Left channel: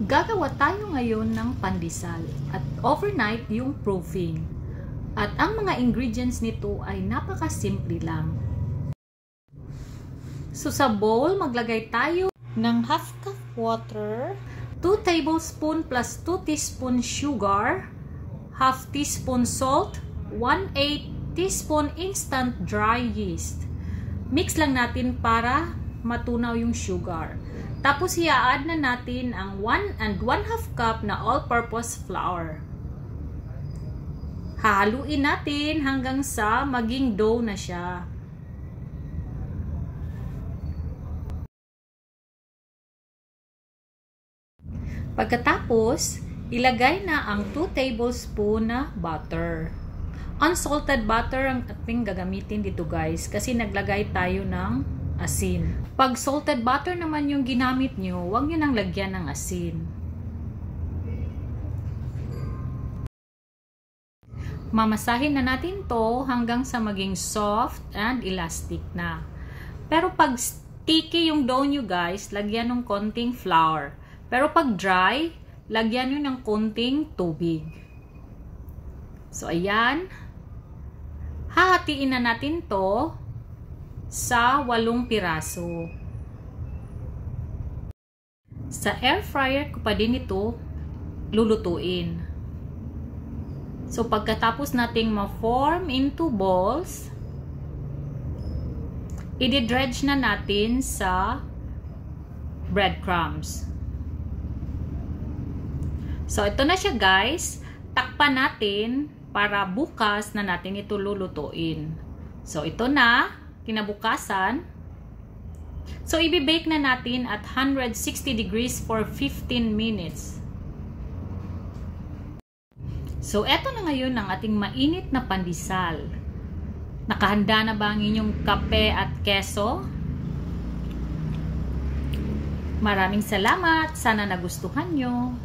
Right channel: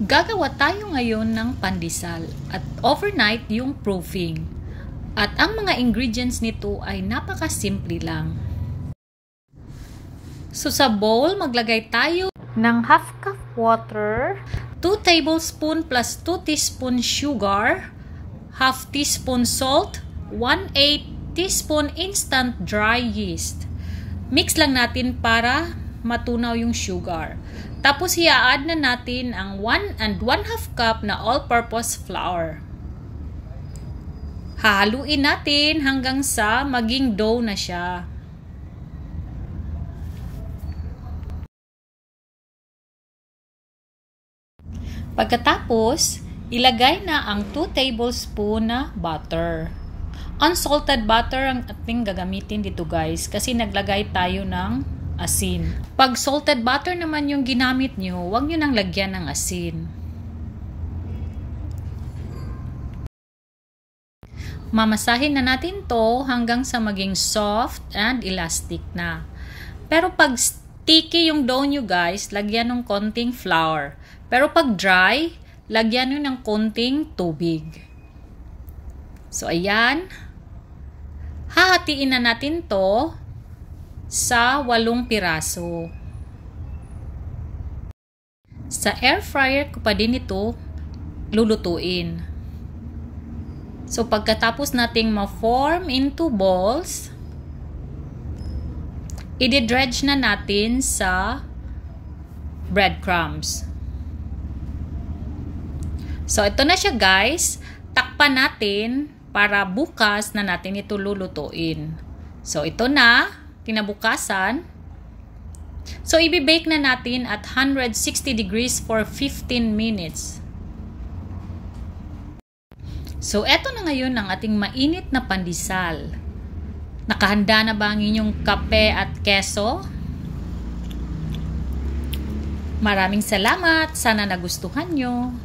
Gagawa tayo ngayon ng pandesal at overnight yung proofing. At ang mga ingredients nito ay napakasimple lang. So sa bowl, maglagay tayo ng half cup water, 2 tablespoon plus 2 teaspoon sugar, half teaspoon salt, 1/8 teaspoon instant dry yeast. Mix lang natin para matunaw yung sugar. Tapos i-add na natin ang 1 1/2 cup na all-purpose flour. Haluin natin hanggang sa maging dough na siya. Pagkatapos, ilagay na ang 2 tablespoon na butter. Unsalted butter ang ating gagamitin dito guys kasi naglagay tayo ng asin. Pag salted butter naman yung ginamit nyo, huwag nyo nang lagyan ng asin. Mamasahin na natin to hanggang sa maging soft and elastic na. Pero pag sticky yung dough nyo guys, lagyan ng konting flour. Pero pag dry, lagyan nyo ng konting tubig. So ayan. Hahatiin na natin to sa 8 piraso. Sa air fryer ko pa din ito lulutuin. So pagkatapos nating ma-form into balls, i-dredge na natin sa breadcrumbs. So ito na siya guys. Takpan natin para bukas na natin ito lulutuin. So ito na. Kinabukasan. So, i-bake na natin at 160 degrees for 15 minutes. So, eto na ngayon ang ating mainit na pandesal. Nakahanda na ba ang inyong kape at keso? Maraming salamat. Sana nagustuhan nyo.